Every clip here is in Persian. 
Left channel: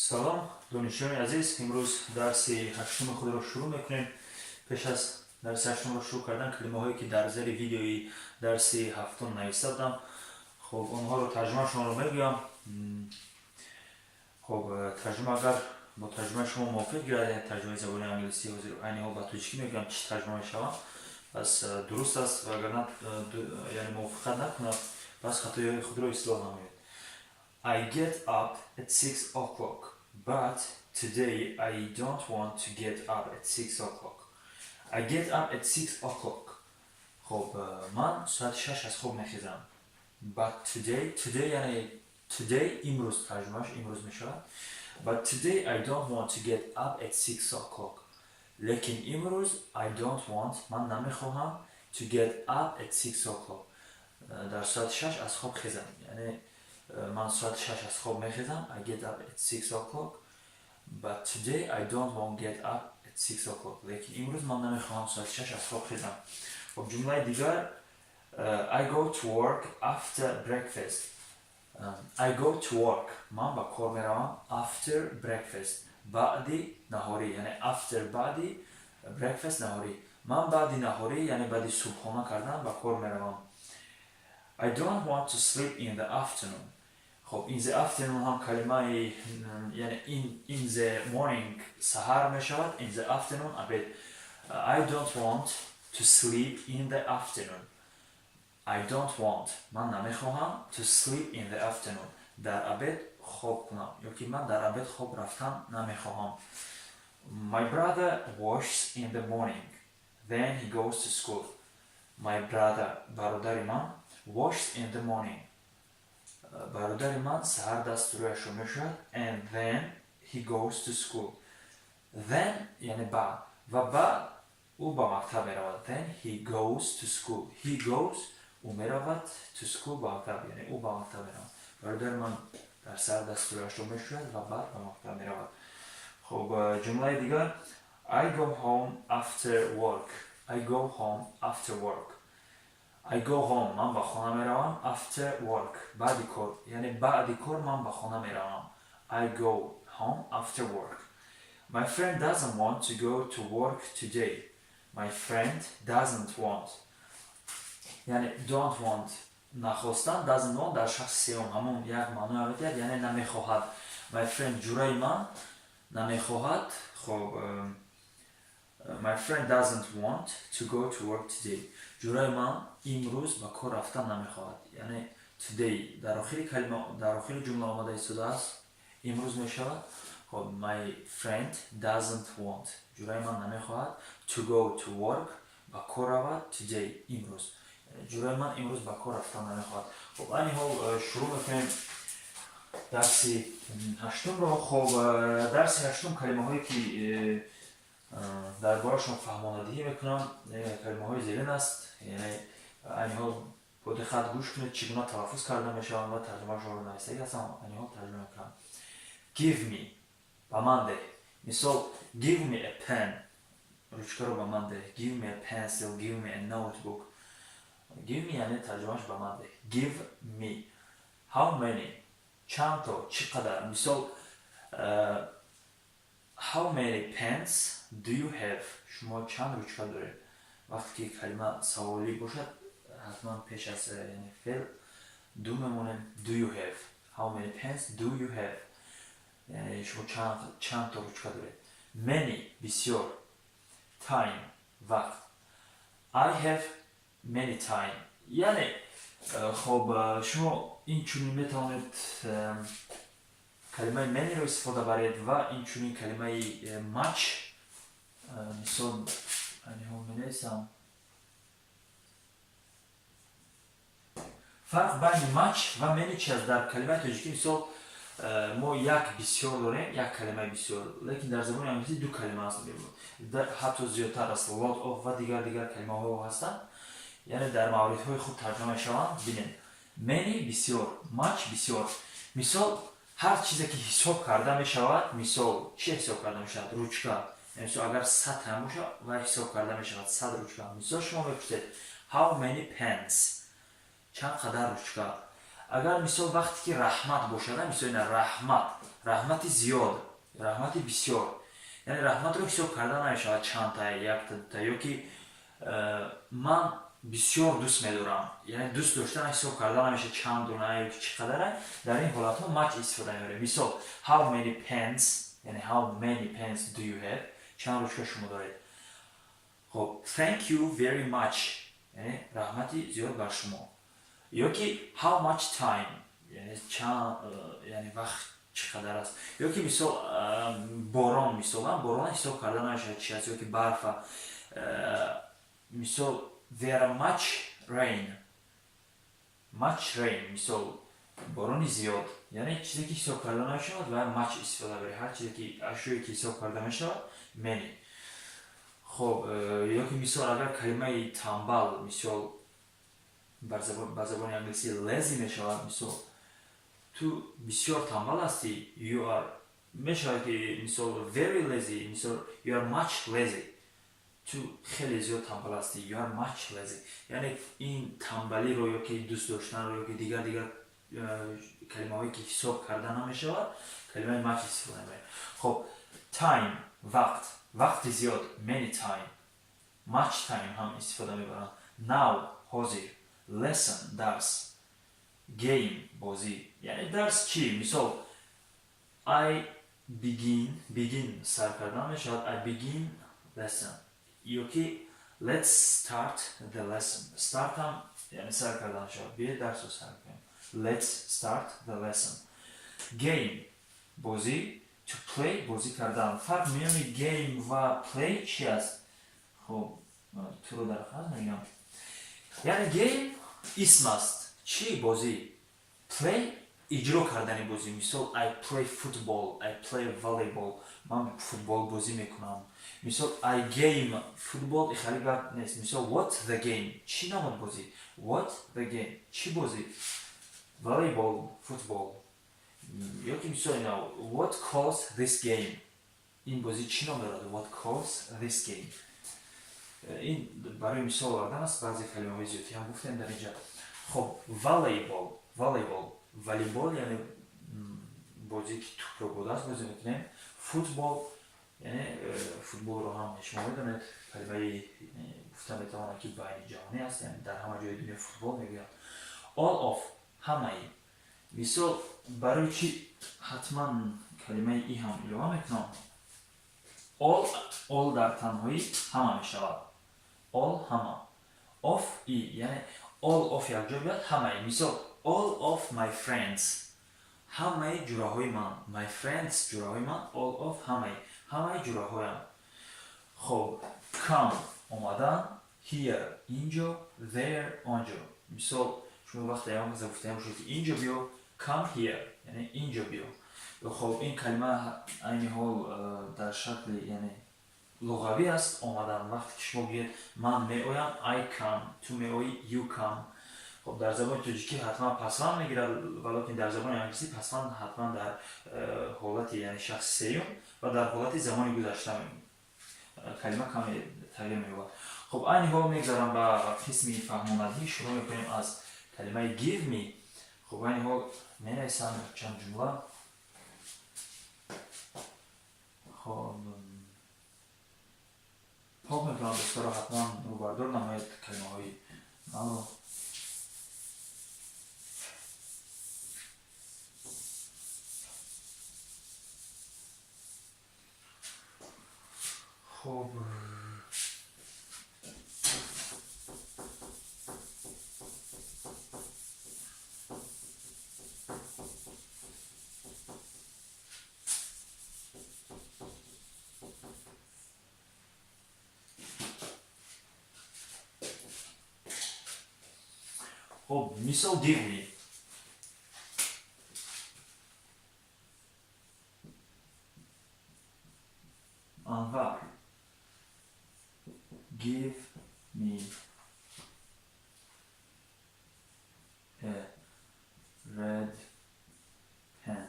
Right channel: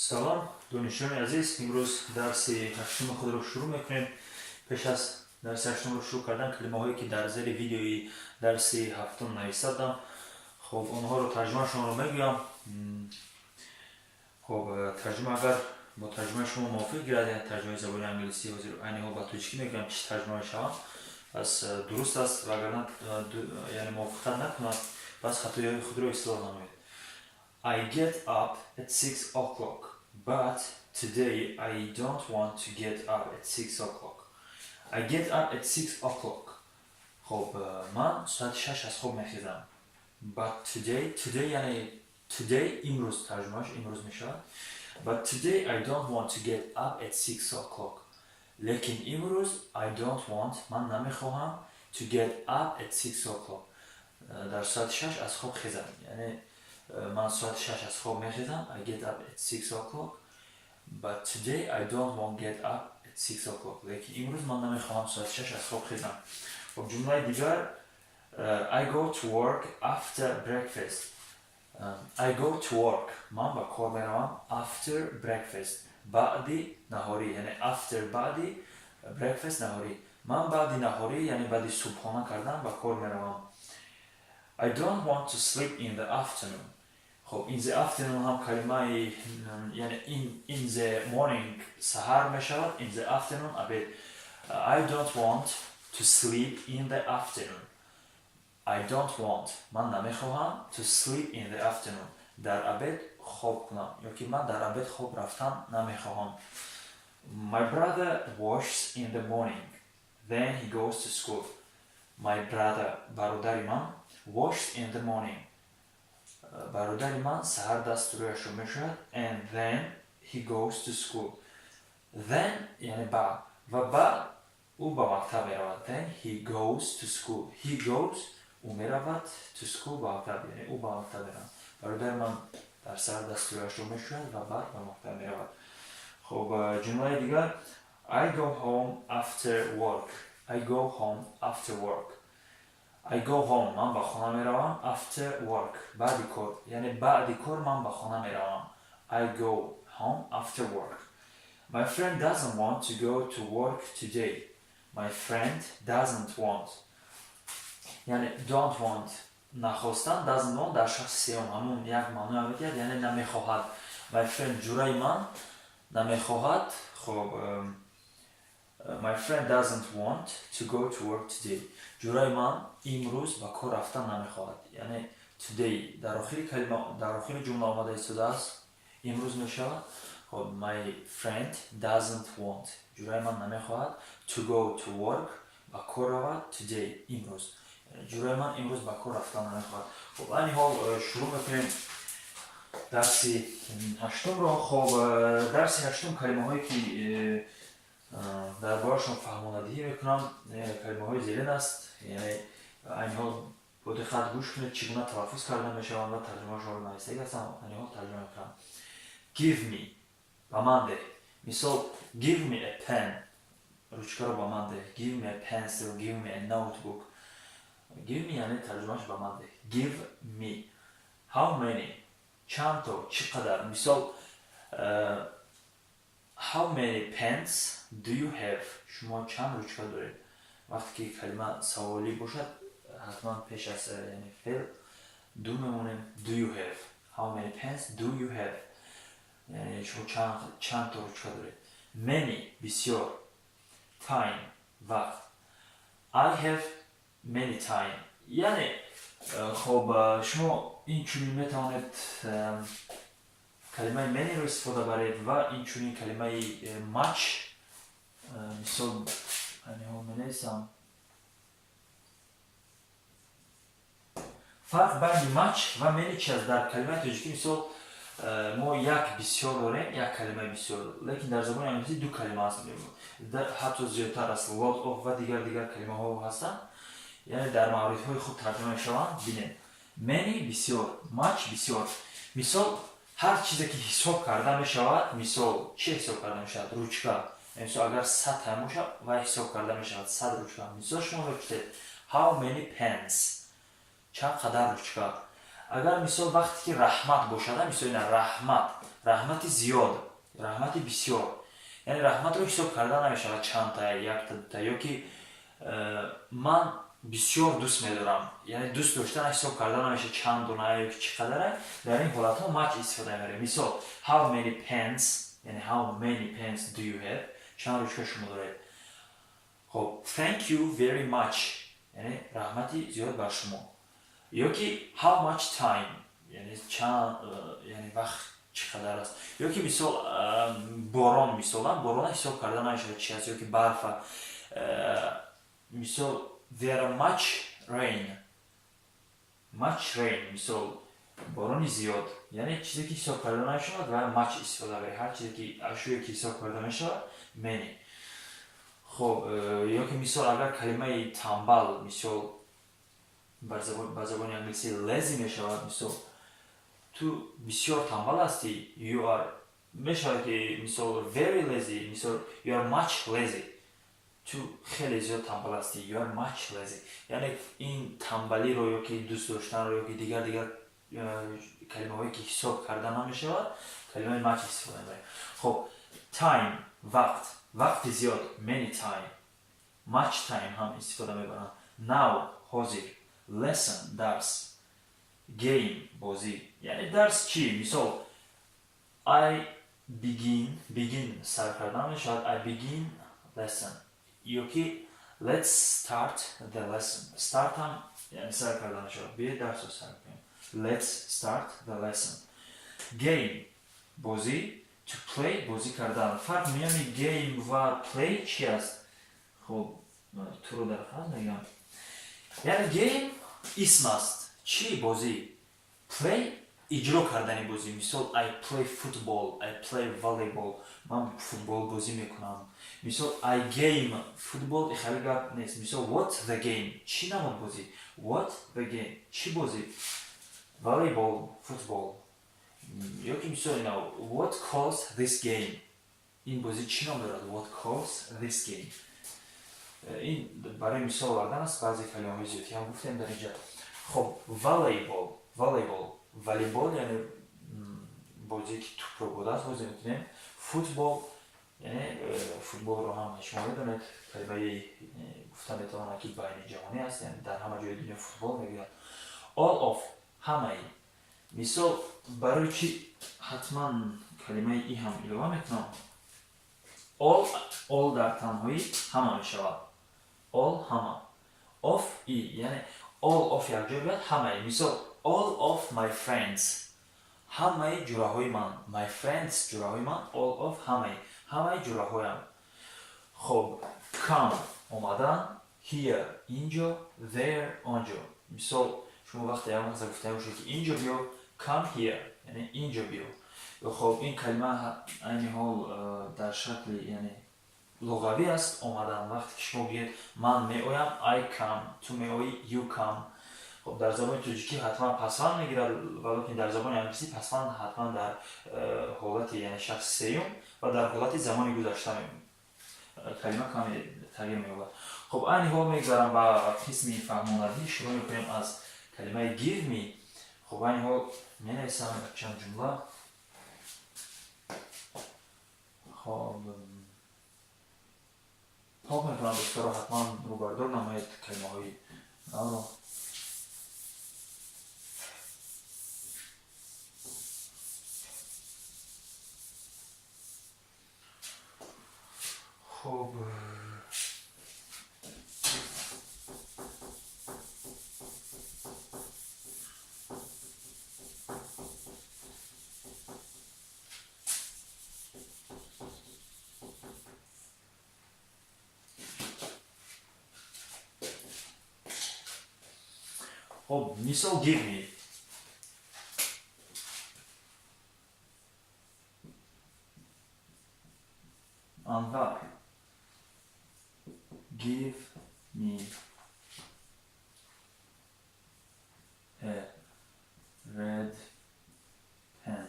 سلام دانشجویان عزیز. امروز درس هشتم خود را شروع میکنیم. پیش از درس هشتم را شروع کردن کلمه هایی که در زیر ویدیوی درس هفتم نوشته بودم، خب اونها رو ترجمه شما رو میگویم. خب ترجمه اگر با ترجمه شما موافق گردید، ترجمه زبان انگلیسی و عین حال با تاجیکی میگم چه ترجمه شما پس درست است و اگر نه یعنی موافقت نکنید پس خطای خود را اصلاح نمایید. I get up at 6 o'clock, but today I don't want to get up at 6 o'clock. I get up at 6 o'clock. خب من ساعت 6 از خواب میخیزم. But today یعنی today امروز ترجمهش امروز میشود. But today I don't want to get up at 6 o'clock. لیکن امروز I don't want من نمیخواهم to get up at 6 o'clock. در ساعت 6 از خواب خیزم. یعنی من ساعت 6 از خواب میخیزم. I get up at 6 o'clock. But today I don't want to get up at 6 o'clock. لیکن امروز من نمیخواهم ساعت 6 از خواب خیزم. خب جمله دیگر I go to work after breakfast. I go to work. من با کار میروم after breakfast. بعدی نهاری یعنی after بعدی breakfast نهاری. من بعدی نهاری یعنی بعدی صبحانه کردن با کار میروم. I don't want to sleep in the afternoon. خب in the afternoon هم کلمه یعنی in the morning سحر میشود. In the afternoon abed. I don't want to sleep in the afternoon. I don't want من نمیخواهم to sleep in the afternoon در abed خواب کنم یا که من در abed خواب رفتن نمیخواهم. My brother washes in the morning then he goes to school. My brother برادر من washed in the morning برادر من سحر دستوریش رو میشود and then he goes to school. Then یعنی بعد و بعد او با مکتب میرود. Then he goes to school. He goes او میرود to school با مکتب یعنی او با مکتب میرود. برادر من در سحر دستوریش رو میشود و بعد با مکتب میرود. خب جمله دیگر I go home after work. I go home after work. I go home من با خانه میروم after work بعد کار یعنی بعد کار من با خانه میروم. I go home after work. My friend doesn't want to go to work today. My friend doesn't want یعنی don't want نخواستن doesn't want در شخص سوم همون یک معنی میدهد یعنی نمیخواهد. My friend جورای من نمیخواهد. خب My friend doesn't want to go to work today. جورای من امروز با کار رفتن نمیخواهد. یعنی today در آخر کلمه در آخر جمله آمده ایستاده است امروز میشود. خب my friend doesn't want جورای من نمیخواهد to go to work با کار رود today امروز. جورای من امروز با کار رفتن نمیخواهد. خب این حال شروع میکنیم درس هشتم را. خب درس هشتم کلمه هایی که در بارشون فهماندهی میکنم کلمه های زیرین است. یعنی این حال با دقت گوش کنید چگونه تلفظ کرده میشوند و ترجمه رو نوشته هستم. این حال ترجمه میکنم. Give me با من ده. مثال give me a pen روچکه رو با من ده. Give me a pencil. Give me a notebook. Give me یعنی ترجمهش با من ده. Give me how many چند تا چقدر. مثال how many pens do you have شما چند روچکه دارید. وقتی که کلمه سوالی باشد حتما پیش از یعنی فعل دو میمونیم. do you have how many pens do you have یعنی شما چند تا روچکه دارید. many بسیار. time وقت. I have many time یعنی خب شما این چونی میتوانید کلمه many رو استفاده برید و این چونی کلمه much مثال می نویسم فرق بین much و many چیز در کلمه تاجیکی. مثال ما یک بسیار داریم یک کلمه بسیار لیکن در زبان انگلیسی دو کلمه هست حتی زیادتر است. lot of و دیگر کلمه ها هستند یعنی در مورد های خود ترجمه شوند. ببینید many بسیار much بسیار. مثال هر چیزی که حساب کرده می شود. مثال چه حساب کرده می شود؟ روچکه. مثال اگر 100 هم باشه و حساب کرده می شود 100 روچکه. مثال شما بپرسید how many pens چند قدر روچکه. اگر مثال وقتی که رحمت باشد مثال این رحمت раҳмати зиёд, раҳмати бисёр. Яъне раҳматро ҳисоб карда намешавад чандта, якта, дута, ё ки ман бисёр дӯст медорам. Яъне дӯст доштан ҳисоб карда намешавад чанд дуна ё ки чӣ қадаре. Дар ин ҳолатҳо much истифода мебарем. Мисол how many pens, яъне how many pens do you have? Чанд ручка шумо доред? Хоб thank you very much, яъне раҳмати зиёд бар шумо. Ё ки how much time, яъне чанд, яъне вақт чӣ қадар аст. Ё ки мисол борон, мисолан борона ҳисоб карда намешавад чӣ аст, ё ки барфа. Мисол there are much rain, мисол борони зиёд, яъне чизе ки ҳисоб карда намешавад ва much истифода мебарем. Ҳар чизе ки ашёе ки ҳисоб карда мешавад many. хоб ё ки мисол агар калимаи тамбал мисол ба забони англиси lazy мешавад, мисол ту бисёр тамбал ҳастӣ, you are мешавад ки мисол very lazy, мисол you are much lazy, ту хеле зиёд тамбал ҳастӣ, you are much lazy. Яъне ин тамбалиро ё ки дӯст доштанро ё ки дигар калимаҳое ки ҳисоб карда намешавад калимаи much истифода мебарем. Хоб time вақт, вақти зиёд many time, much time ҳам истифода мебарам. Now ҳозир, lesson дарс, game бозӣ. Яъне дарс чӣ? Мисол I begin сар карда мешавад, I begin lesson. ё ки let's start the lesson. Start ҳам яъне сар карда мешавад. Биед дарсро сар кунем. Let's start the lesson. Game бозӣ, to play бозӣ кардан. Фарқ миёни game ва play чӣ аст? Хоб туро дар хаз мегирам. Яъне game исм аст. Чӣ бозӣ? Play иҷро кардани бозӣ. Мисол I play football, I play volleyball. Ман футбол бозӣ мекунам. Мисол I game football ихали гап нест. Мисол what the game, чӣ намуд бозӣ? What the game, чӣ бозӣ? Volleyball, football. ё ки мисол ина what calls this game, ин бозӣ чӣ ном дорад? What calls this game. ин барои мисол овардан аст баъзе калимаҳои зиёдӣ ҳам гуфтем дар инҷа. Хоб volleyball, волейбол яъне бозие ки тӯпро бо даст бозӣ мекунем. Футбол яъне футболро ҳам шумо медонед калимаи гуфта метавонад ки байни ҷаҳонӣ аст, яъне дар ҳама ҷои дунё футбол мегӯянд. All of ҳамаи. Мисол барои чӣ ҳатман калимаи и ҳам илова мекунам? All дар танҳоӣ ҳама мешавад. All ҳама. Of и яъне all of якҷоя биёд ҳамаи. Мисол all of my friends, ҳамаи ҷураҳои ман. My friends ҷураҳои ман. All of ҳамаи ҷураҳоям. хоб come омадан, here инҷо, there онҷо. Мисол шумо вақте як каса гуфтем бошед ки инҷо биё, come here яъне инҷо биё. хоб ин калима айни ҳол дар шакли яъне луғавӣ аст. омадан вақте ки шумо биед ман меоям I come, ту меоӣ you come. خب در زبان توجیکی حتما پسوند میگیرد، ولی در زبان انگلیسی پسوند حتما در حالت یعنی شخص سیوم و در حالت زمانی گذشته کلمه کمی تغییر می‌یابد. خب این حال میگذارم با قسم فهماندهی. شروع می‌کنیم از کلمه give me. خب این حال می‌نویسم چند جمله. خب پاک می‌کنم دستگاه حتما رو بردار نماید کلمه‌های رو. خب مثال give me. انور give me a red pen.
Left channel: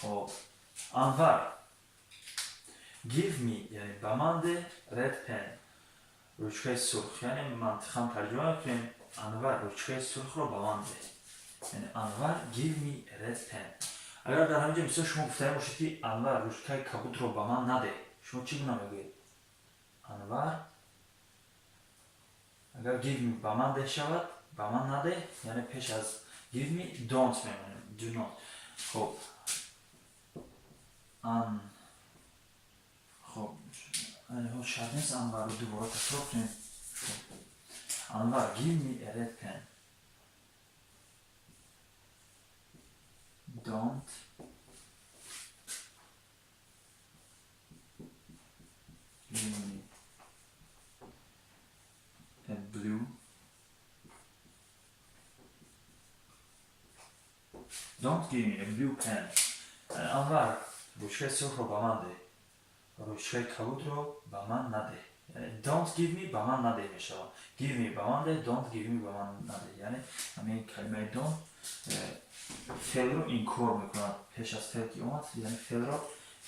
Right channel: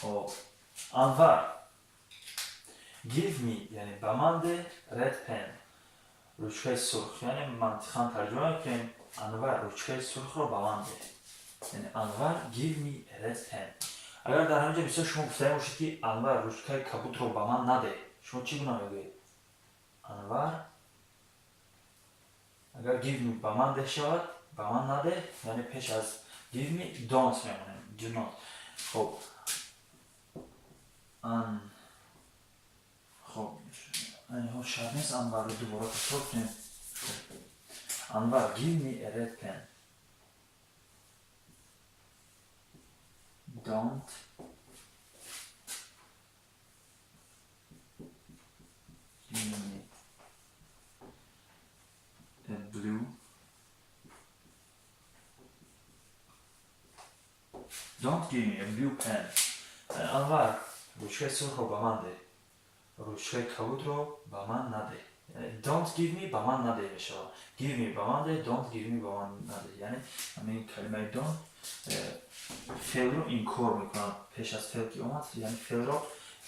خب انور give me یعنی به من ده red pen رучکه سرخ. یعنی منطقاً ترجمه میکنیم انور رучکه سرخ رو به من ده. یعنی انور give me a red pen. اگر در همینجا مثلا شما گفتنی باشید که انور رشته کبوت رو به من نده، شما چی گونه میگویید؟ انور اگر give me به من ده شود، به من نده، یعنی پیش از give me don't میمونه، do not. خب خب یعنی شاید نیست انور رو دوباره تکرار کنیم. انور give me a red pen. Don't give me a blue. Don't give me a blue pen. انور رشته سرخ رو به من ده، رشته کبود رو به من نده. یعنی don't give me به من نده میشه. give me به من ده، don't give me به من نده. یعنی همین کلمه don't فعل رو اینکور میکنم پیش از فعل که اومد. یعنی فعل رو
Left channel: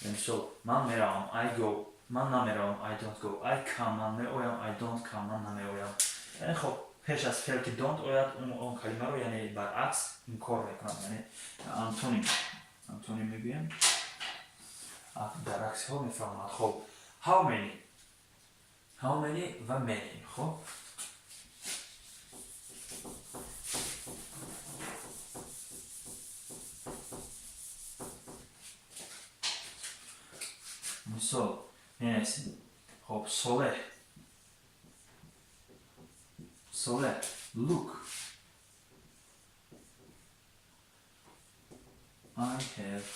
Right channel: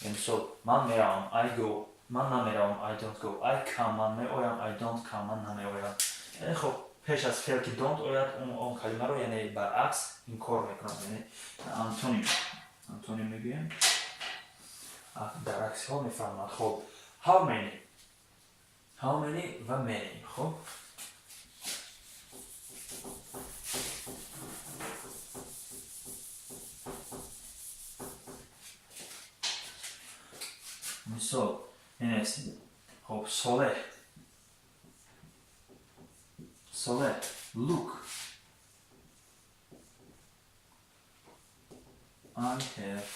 مثال من میروم I go، من نمیروم I don't go. I come، من میآیم I don't come، من نمیآیم. یعنی خب پیش از فعل که don't اوید اون کلمه رو یعنی برعکس اینکور میکنم. یعنی انتونیم میگویم در عکس ها میفهمند. خب how many و many. خب مثال اینست. خب Soleh look I have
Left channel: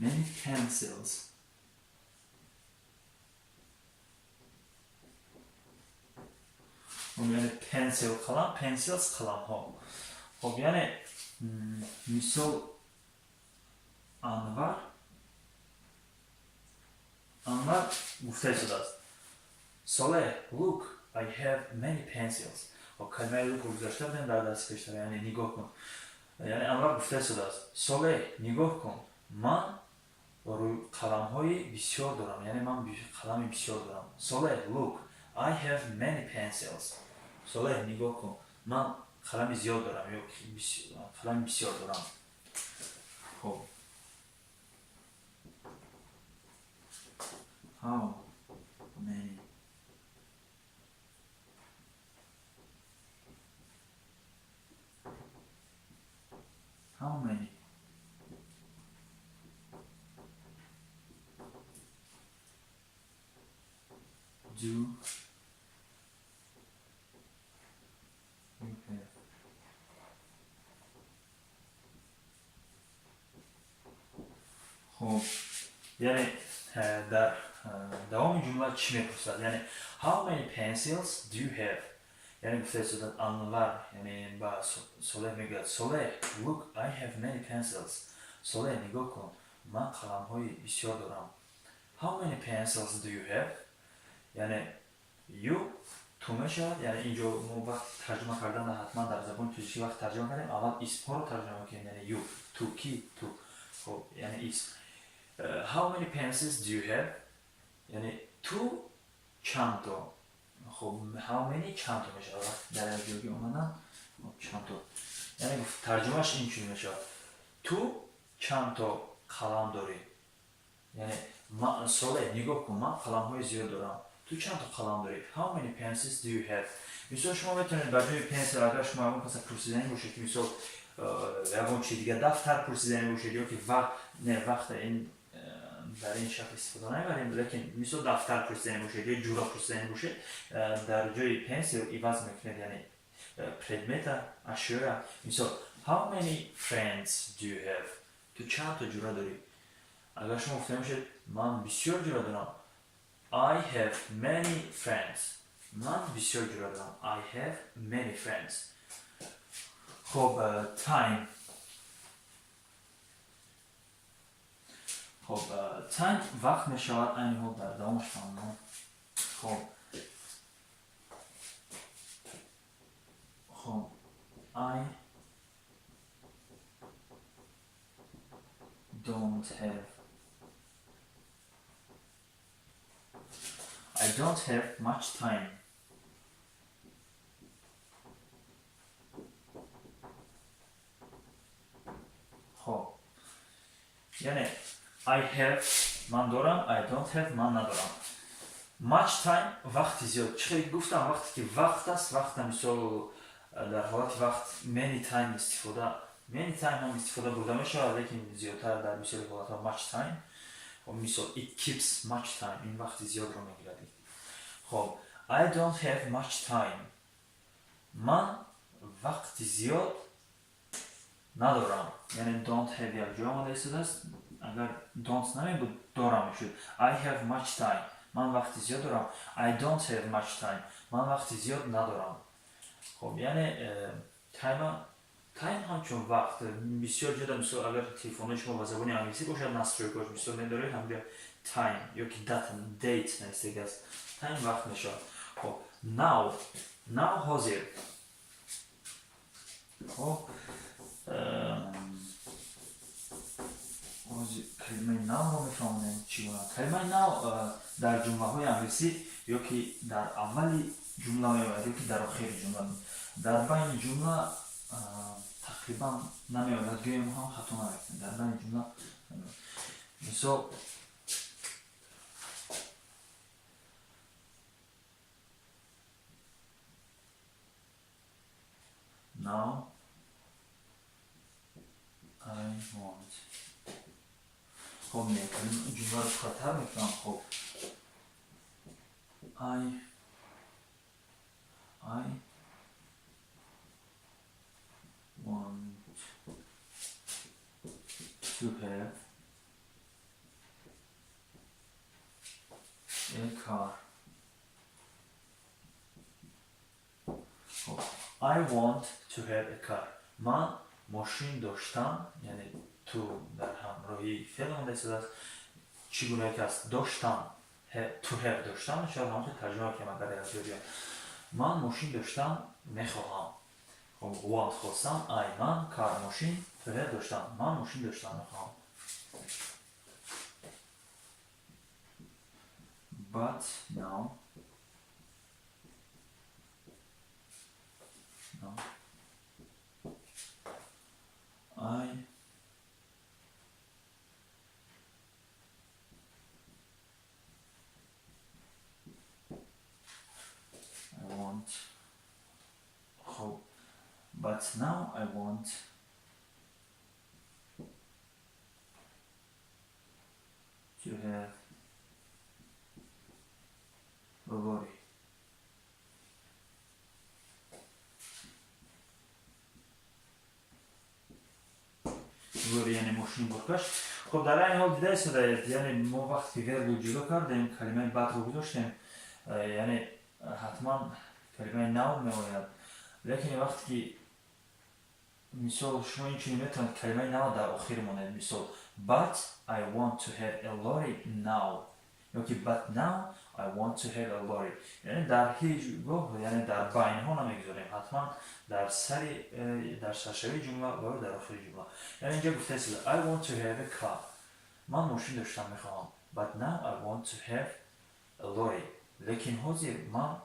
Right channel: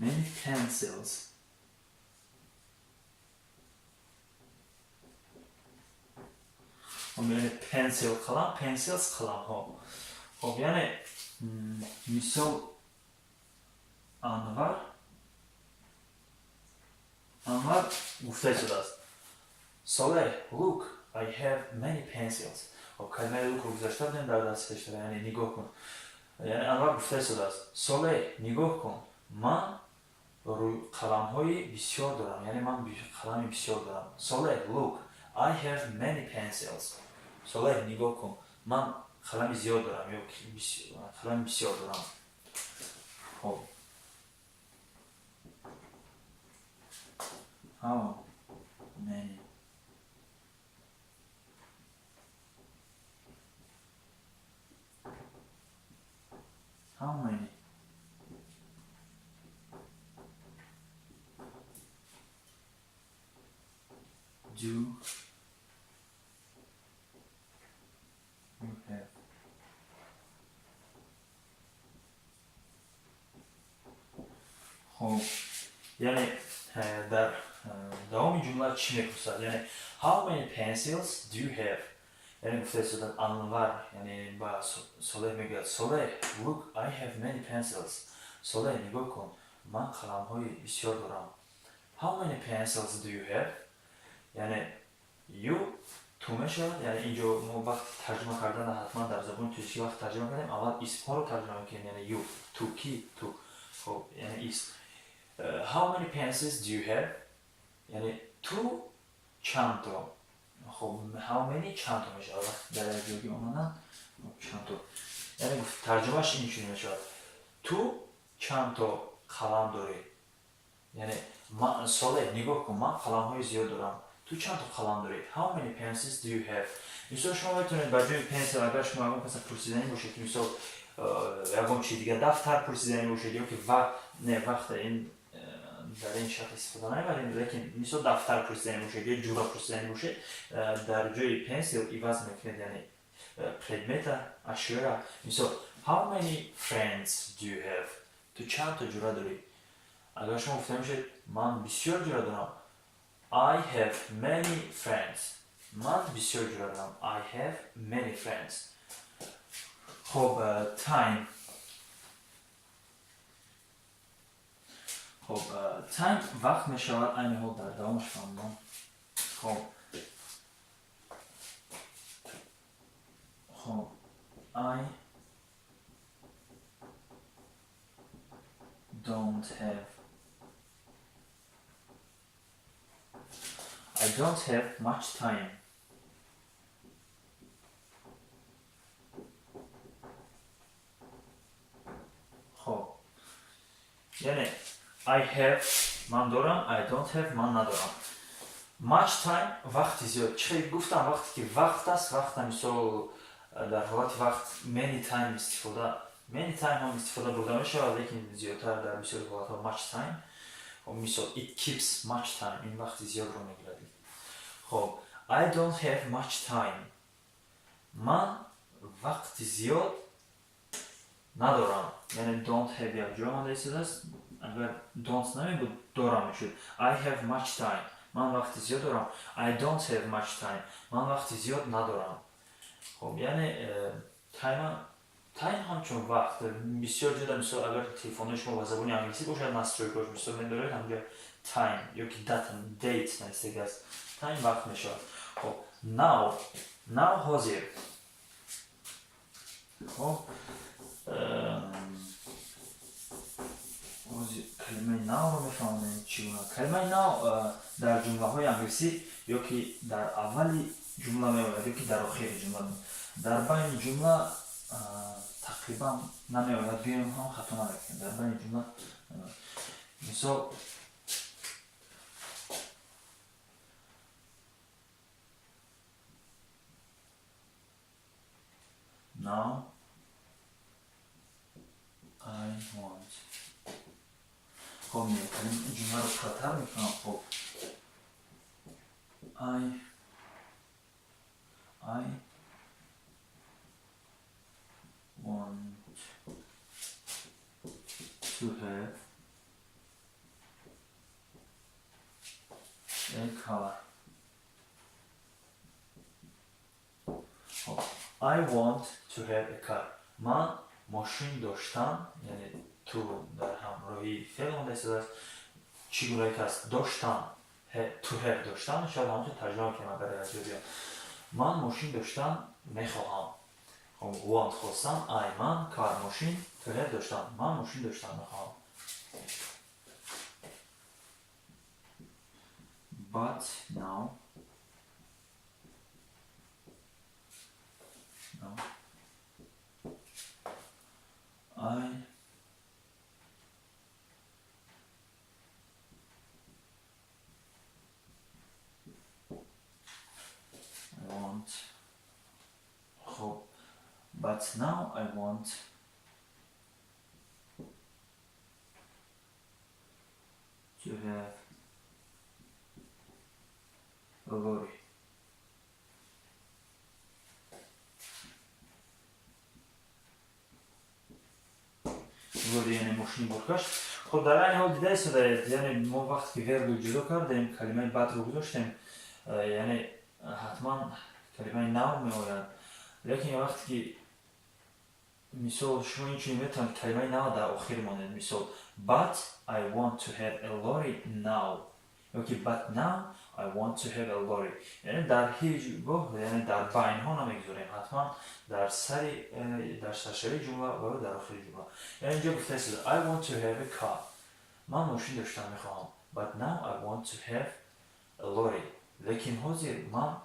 many pencils. خب یعنی pencil قلم، pencils قلم ها. خب یعنی مثال انور گفته شده است Soleh look I have many pencils. خب کلمه look رو گذاشته بودیم در دست پیشتر، یعنی نگاه کن. یعنی انور گفته شده است Soleh نگاه کن من قلم های بسیار دارم، یعنی من قلم بسیار دارم. Soleh look I have many pencils. Soleh نگاه کن من قلم زیاد دارم یا قلم بسیار دارم. خب how many do you have. خب یعنی در دوام جمله چی میپرسد؟ یعنی how many pencils do you have. یعنی گفته شدن انور یعنی با Soleh میگه Soleh look I have many pencils. Soleh نگاه کن من قلم های بسیار دارم. how many pencils do you have. یعنی you تو میشود. یعنی اینجا ما وقت ترجمه کردن حتما در زبان ترکی وقت ترجمه کردیم اول اسم ها رو ترجمه کنیم. یعنی you تو کی تو. خب یعنی اسم how many pencils do you have. یعنی تو چند تا. خب how many چند تا میشه وقت در اینجا اومدن چند تا. یعنی گفت ترجمهش اینجوری میشه تو چند تا قلم داری. یعنی من Soleh نگاه کن من قلم های زیاد دارم تو چند تا قلم داری. how many pencils do you have. مثلا شما میتونید بر جای پنسل اگر شما اون مثلا پرسیدنی باشه که مثلا یکم چی دیگه دفتر پرسیدنی باشه یا که وقت این در این شکل استفاده نمیبریم، لیکن مثلا دفتر پرسیدنی باشه یا جورا پرسیدنی باشه در جای پنسل ایواز میکنید. یعنی предмета اشیا. مثلا how many friends do you have. تو چند تا جورا داری. اگر شما گفته میشه من بسیار جورا دارم I have many friends. من بسیار جورا دارم I have many friends. خب time. خب time وقت میشود این حال در دوامش فهمم. خب I don't have don't have much time. خب یعنی I have من دارم I don't have من ندارم. much time وقتی زیاد. چه گفتم وقتی که وقت است، وقت مثال در حالت وقت many time استفاده many time هم استفاده بوده میشه، لیکن زیادتر در مثال حالت ها much time. خب مثال it keeps much time این وقت زیاد رو میگیره. خب I don't have much time من وقت زیاد ندارم. یعنی don't have یک جا آمده است، اگر don't نمی بود دارم میشد. I have much time من وقت زیاد دارم. I don't have much time من وقت زیاد ندارم. خب یعنی تایم همچون وقت بسیار جدا. مثلا اگر تلفن شما با زبان انگلیسی باشد نستروی باش مثلا من دارید همینجا تایم یا که دیت نوشته است، تایم وقت میشه. خب now حاضر. خب کلمه now رو میفهمیم چی بود. کلمه now در جمله های انگلیسی یا که در اولی جمله میآید یا که در آخر جمله. در بین جمله تقریبا نمیآید، بیایم هم خطا نکنیم. در بین جمله مثال now I want. خب میکنیم جمله رو خطر میکنم. خب I want to have a car. I want to have a car من ماشین داشتم. یعنی تو در همراهی فعل آمده است. چگونه که است داشتم to have داشتم شاید همونطور ترجمه کنم برای اجازه. من ماشین داشتم میخواهم. خب want خواستم I من کار ماشین to have داشتم من ماشین داشتم میخواهم. but now I want. خب but now I want to have a lorry. یعنی ماشین برکش. خب در این حال دیده است یعنی ما وقتی ورب رو جدا کردیم کلمه بعد رو گذاشتیم یعنی حتما کلمه نو میآید. لیکن وقتی که مثال شما اینجوری میتونید کلمه نو در آخر ماند. مثال but I want to have a lorry now یا که but now I want to have a lorry. یعنی در هیچ وقت یعنی در بین ها نمیگذاریم، حتما در سرشوی جمله و در آخر جمله. یعنی اینجا گفته است I want to have a car من ماشین داشتم میخواهم. but now I want to have a lorry لیکن حاضر من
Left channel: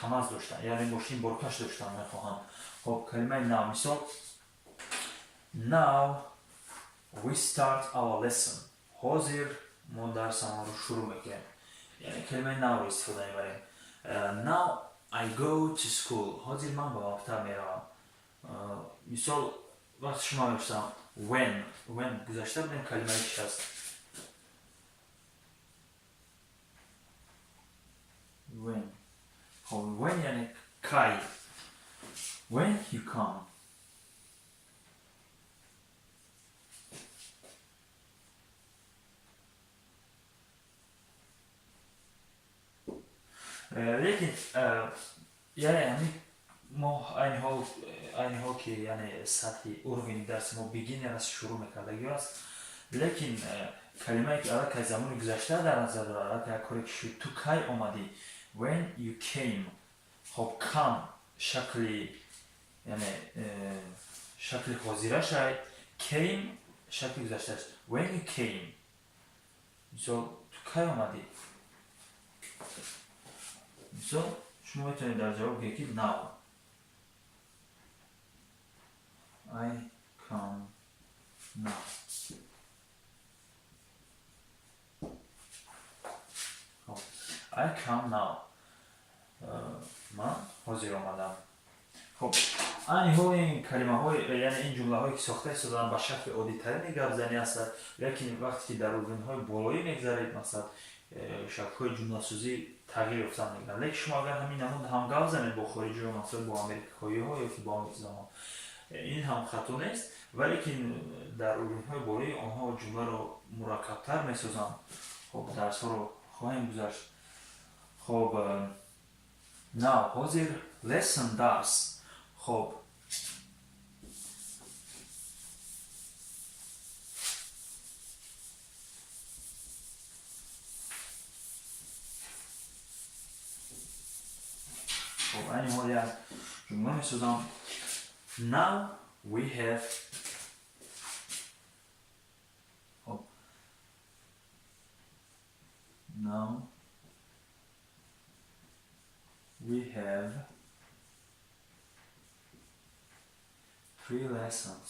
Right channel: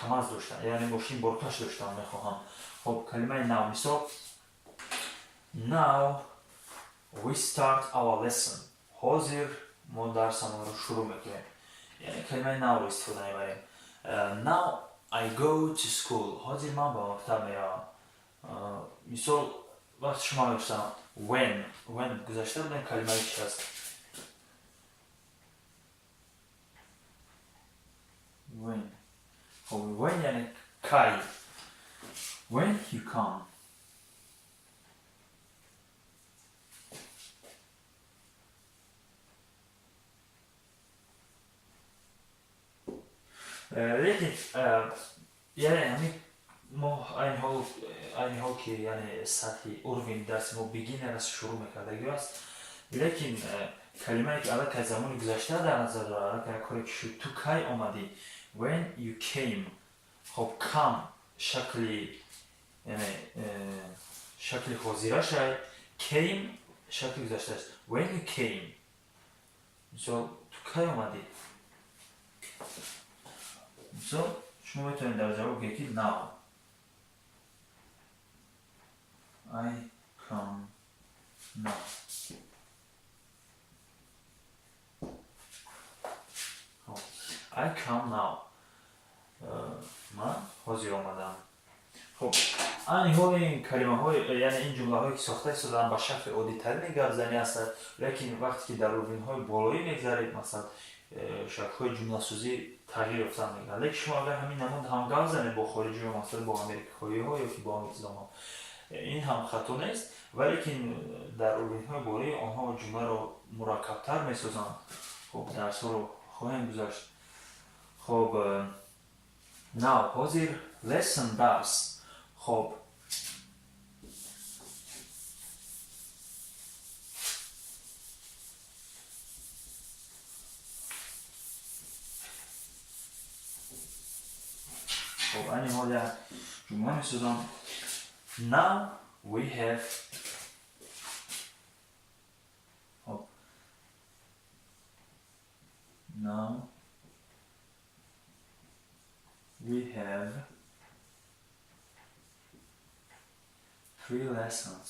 کماز داشتم یعنی ماشین برکش داشتم میخواهم. خب کلمه now مثال now we start our lesson حاضر ما درس ما رو شروع میکنیم. یعنی کلمه now رو استفاده میبریم. now I go to school حاضر من به مکتب میروم. مثال وقتی شما نوشتم when گذاشته بودیم کلمه چی هست. when. خب when یعنی کی. when you come. لیکن یعنی ما این حال که یعنی سطحی اروین درس ما بگینر از شروع میکردگی است. لیکن کلمه که الان که زمان گذشته در نظر داره الان که کاری که شد تو کی آمدی when you came. خب come شکلی یعنی شکل حاضره شد. came شکل گذشته است. when you came so تو کی آمدی. مثال شما میتونید در جواب بگید now. I come now. I come now. من حاضر آمدم. خب این کلمه های یعنی این جمله هایی که ساخته شدن با شکل عادی ترین گپزنی هستند، لیکن وقتی که در اورگان های بالایی میگذارید مثلا شکل های جمله سازی تغییر یافتن میگن. لیکن شما اگر همین نمود هم گپ زنید با خارجی ها مثلا با آمریکایی ها یا که با انگلیسان ها، این هم خطا نیست، ولی در اورگان های بالایی آنها جمله رو مرکب تر میسازند. خب درس ها رو خواهیم گذاشت. خب now حاضر lesson درس. خب این حال یک جمله میسازم. Now we have now we have 3 lessons.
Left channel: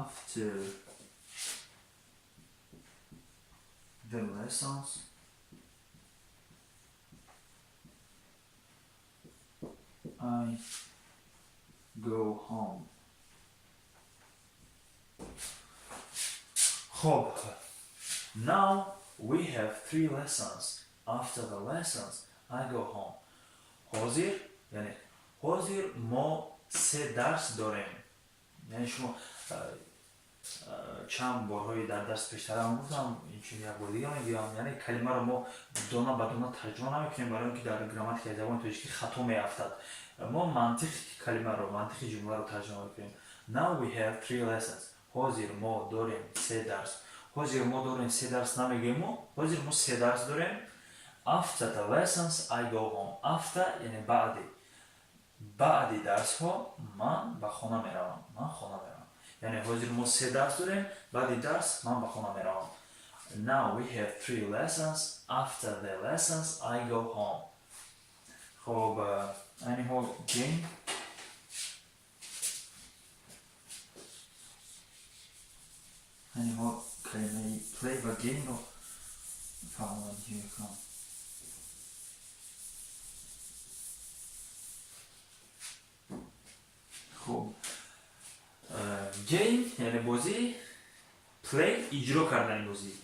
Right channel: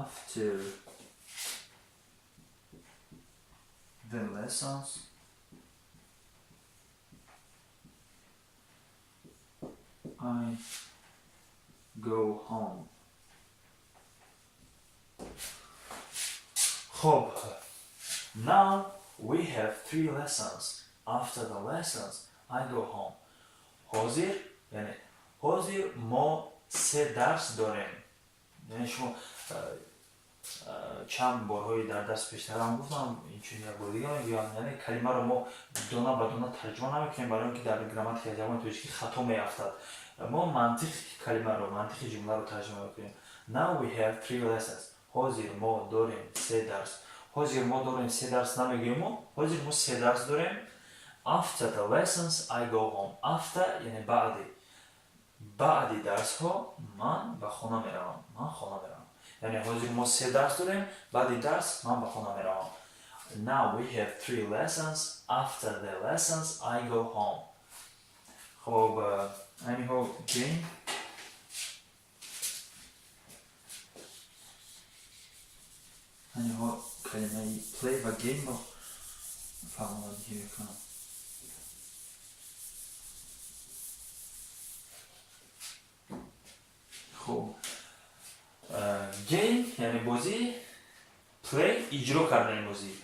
After the lessons, I go home. خب now we have 3 lessons. After the lessons, I go home. حاضر یعنی حاضر ما 3 درس داریم. یعنی شما چند بارهایی در درس پیشتر هم گفتم، این چیزی یک بار دیگه میگم، یعنی کلمه رو ما دونه به دونه ترجمه نمیکنیم برای اینکه در گراماتیک زبان توشکی خطا میافتد. ما منطق کلمه رو، منطق جمله رو ترجمه میکنیم. Now we have 3 lessons. حاضر ما داریم 3 درس. حاضر ما داریم 3 درس نمیگیم، حاضر ما 3 درس داریم. After the lessons I go home. After یعنی بعد درس ها من به خانه میروم. یعنی حاضر ما 3 درس داریم، بعد درس من به خانه میروم. Now we have 3 lessons. After the lessons I go home. خب anyhow game. کلمه play و game رو فهمیدی یکم. خب گیم یعنی بازی، پلی اجرا کردن بازی.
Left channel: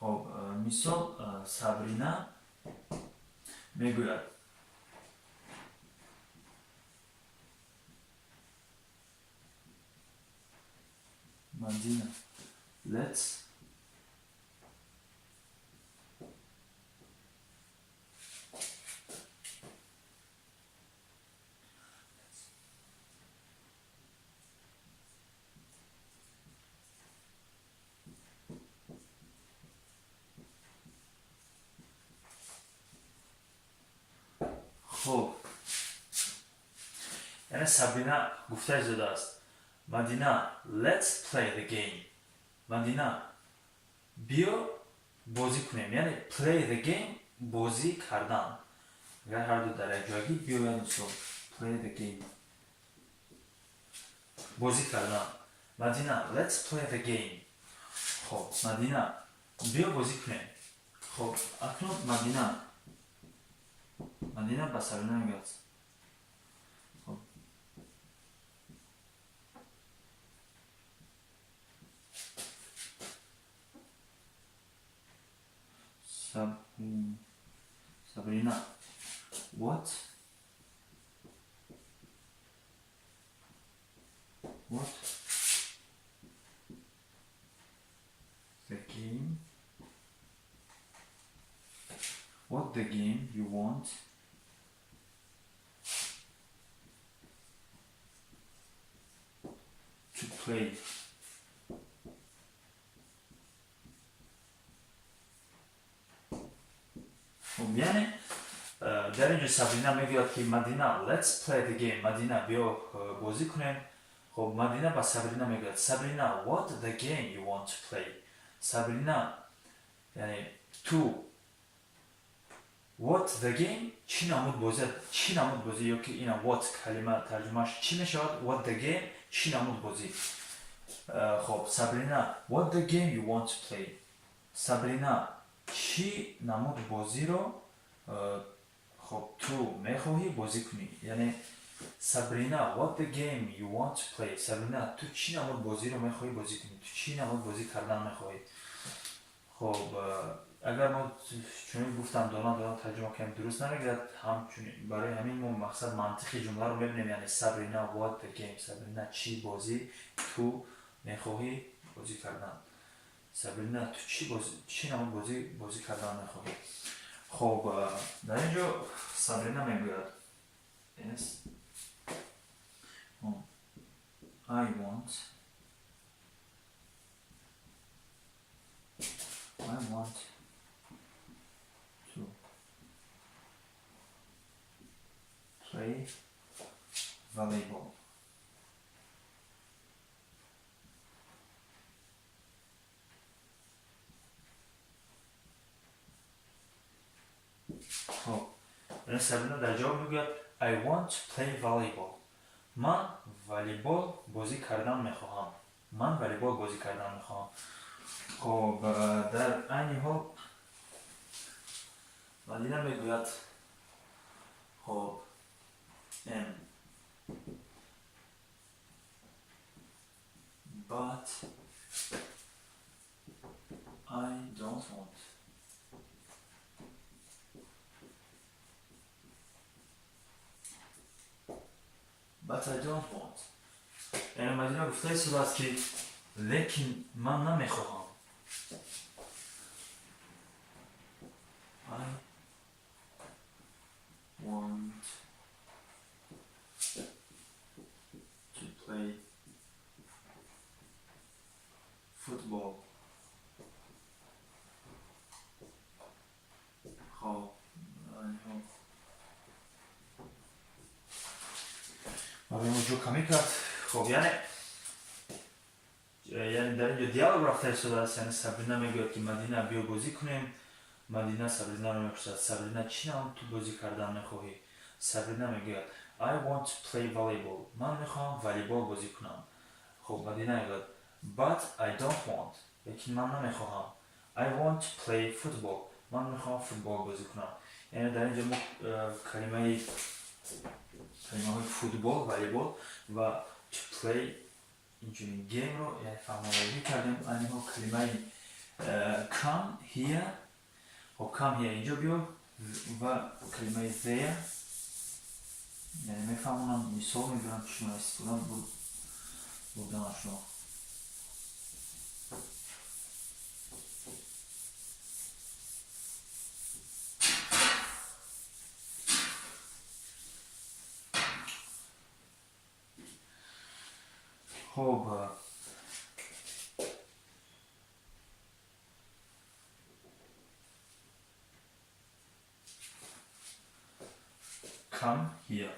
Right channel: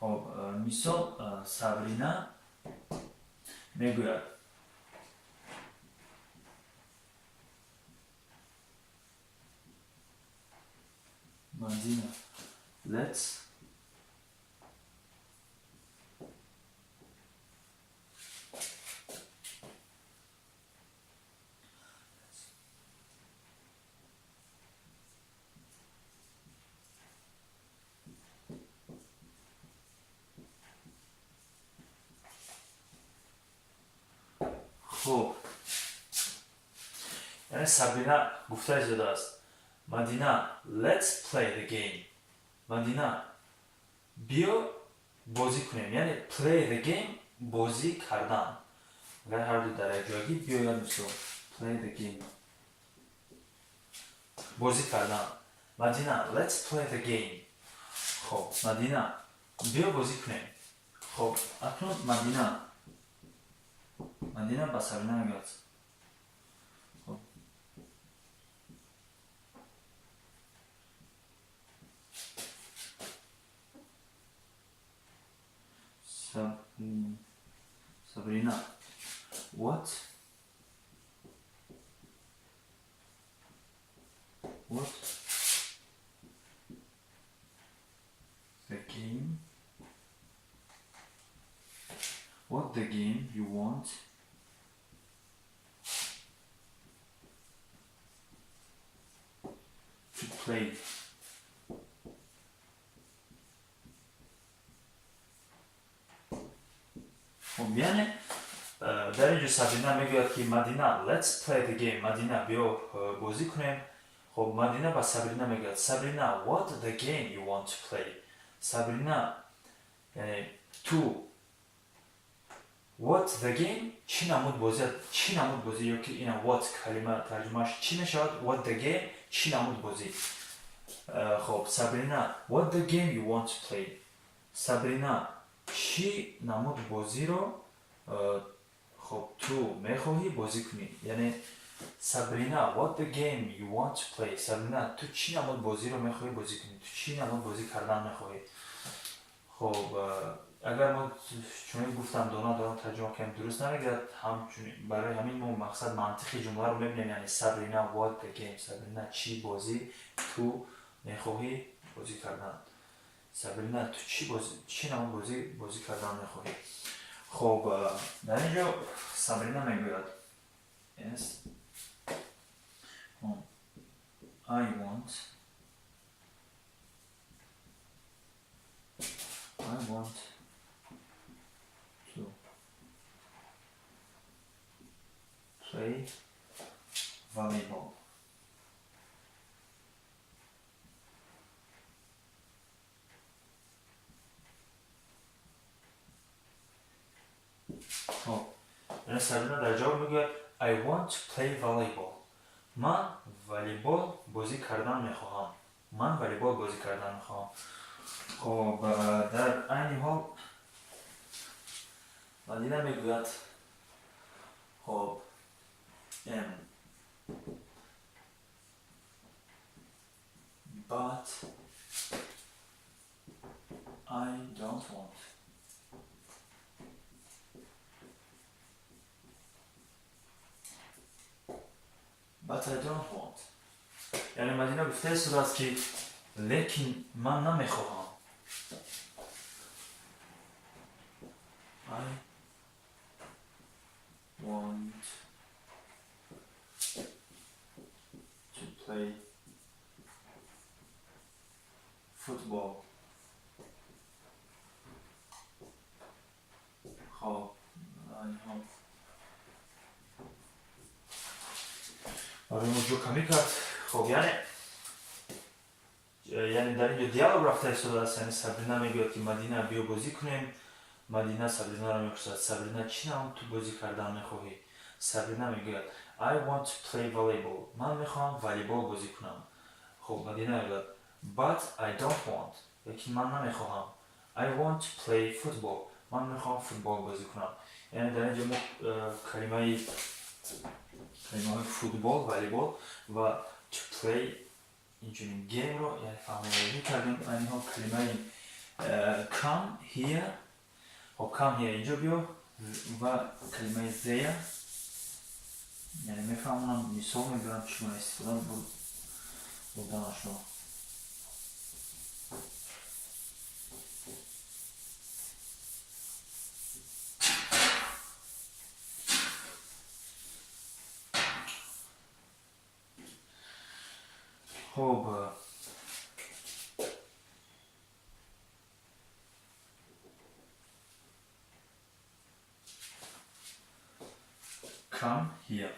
خب مثال سابرینا میگوید مدینا let's خب یعنی سابرینا گفته زده است مدینا let's play the game. مدینا بیا بازی کنیم، یعنی play the game بازی کردن. اگر هر دو در یک جایی بیا یاد میشه play the game بازی کردن. مدینا let's play the game. خب مدینا بیا بازی کنیم. خب اکنون مدینا با سابرینا میگوید Sabrina, what the game you want to play. یعنی در اینجا سابرینا میگوید که مدینا let's play the game. مدینا بیا بازی کنیم. خب مدینا با سابرینا میگوید سابرینا what the game you want to play. سابرینا یعنی تو what the game چی نمود بازی یا که اینا what کلمه ترجمهش چی میشود what the game چی نمود بازی. خب سابرینا what the game you want to play. سابرینا چی نمود بازی رو خب تو میخواهی بازی کنی. یعنی سابرینا what the game you want to play. سابرینا تو چی نمود بازی رو میخواهی بازی کنی. تو چی نمود بازی کردن میخواهی. خب اگر ما چون گفتم دوران ترجمه کنیم درست نمیگه همچنین برای همین ما مقصد منطقی جمله رو میبینیم. یعنی سابرینا what the game. سابرینا چی بازی تو میخواهی بازی کردن. سابرینا تو چی نمود بازی کردن میخواهی. خب در اینجا سابرینا میگوید yes I want to play volleyball. خب یعنی سابرینا در جواب میگوید I want to play volleyball. من والیبال بازی کردن میخواهم. خب در این حال مدینا میگوید خب but I don't want. یعنی مدینا گفته شده است که لیکن من نمیخواهم. I want to play football. خب آره موجود کمی کرد. خب یعنی در اینجا دیالوگ رفته شده است. یعنی سابرینا میگوید که مدینا بیا بازی کنیم. مدینا سابرینا رو میپرسد سابرینا چی نمود تو بازی کردن میخواهی. سابرینا میگوید I want to play volleyball. من میخوام والیبال بازی کنم. خب مدینا میگوید but I don't want. لیکن من نمیخواهم. I want to play football. من میخوام فوتبال بازی کنم. یعنی در اینجا کلمه فوتبال والیبال و to play اینجوری گیم رو یعنی فهماوری کردیم. یعنی کلمه come here و come here اینجا بیا و کلمه there یعنی میفهمونم مثال میگرم چون استفاده بودنش رو. خب come here.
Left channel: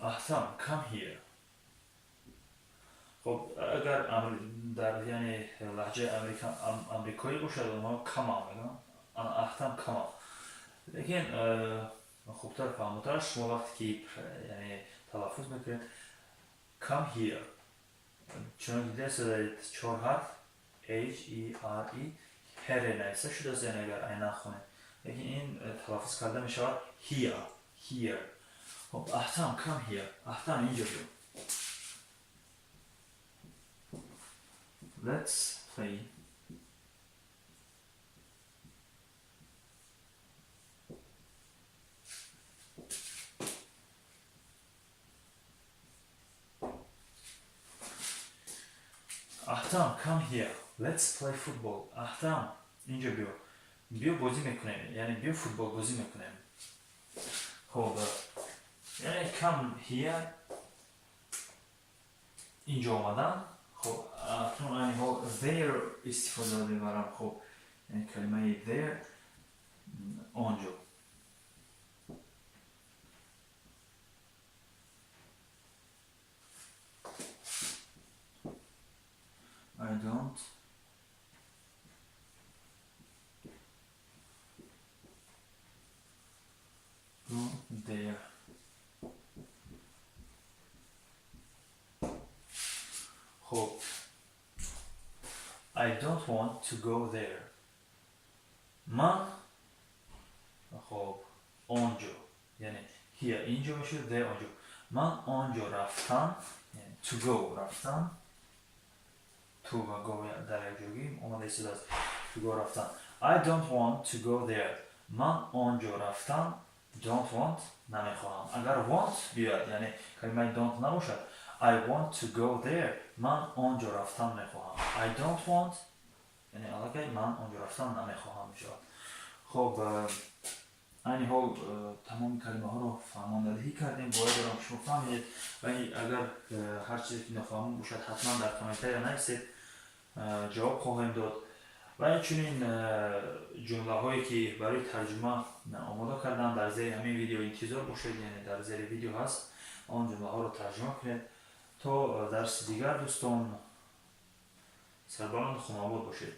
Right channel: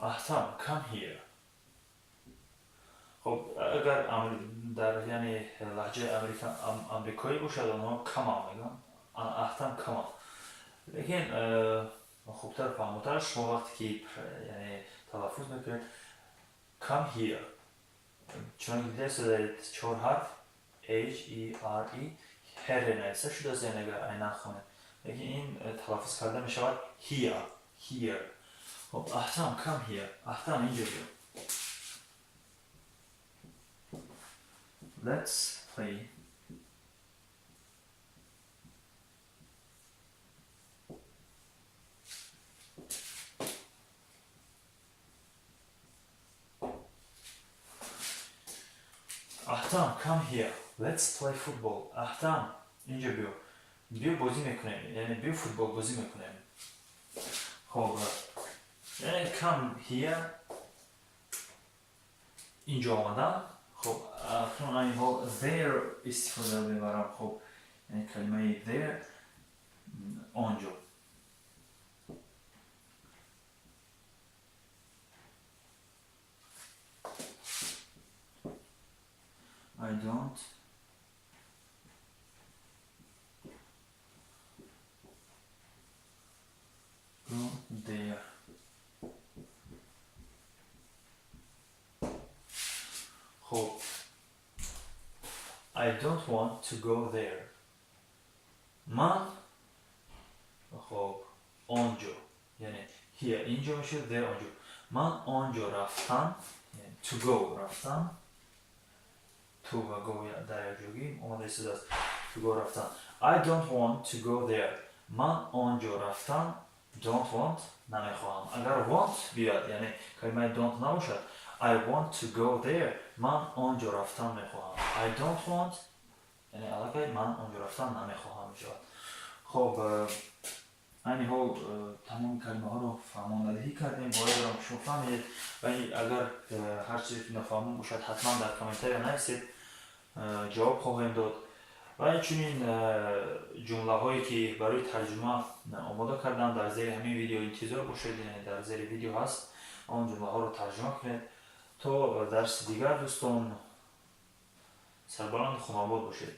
احتمال come here. خب اگر در یعنی لهجه امریکایی باشد اونها کما میگن احتم کما. لیکن خوبتر فهمتر شما وقتی که یعنی تلفظ میکنید come here چون دیده شده 4 حرف H E R E هر نویسته شده است. یعنی اگر این نخونید لیکن این تلفظ کرده میشود here. خب احتم come here. احتم اینجا بیا. Let's play Ahtam, come here. Let's play football. Ahtam, اینجا بیو. بیو بازی میکنیم. یعنی بیو فوتبال بازی میکنیم. خب یعنی come here اینجا آمدم. خب اکنون این حال there استفاده میبرم. خب یعنی کلمه there آنجا. I don't go there. خب I don't want to go there. من خب آنجا یعنی here اینجا میشه there آنجا. من آنجا رفتم یعنی to go رفتم. to و go در یک جوگی اومده استفاده است. to go رفتم. I don't want to go there. من آنجا رفتم. don't want نمیخواهم. اگر want بیاد یعنی کلمه don't نباشد I want to go there. من آنجا رفتن میخواهم. I don't want یعنی علاقه من آنجا رفتن نمیخواهم میشود. خب این حال تمام کلمه ها رو فهماندهی کردیم. باید دارم که شما فهمید و اگر هر چیزی که نفهمون باشد حتما در کامنتری نویسید، جواب خواهیم داد. و اینچنین جمله هایی که برای ترجمه آماده کردم در زیر همین ویدیو انتظار باشید، یعنی در زیر ویدیو هست، آن جمله ها رو ترجمه کنید تا درس دیگر. دوستان سربلند خوناباد باشید.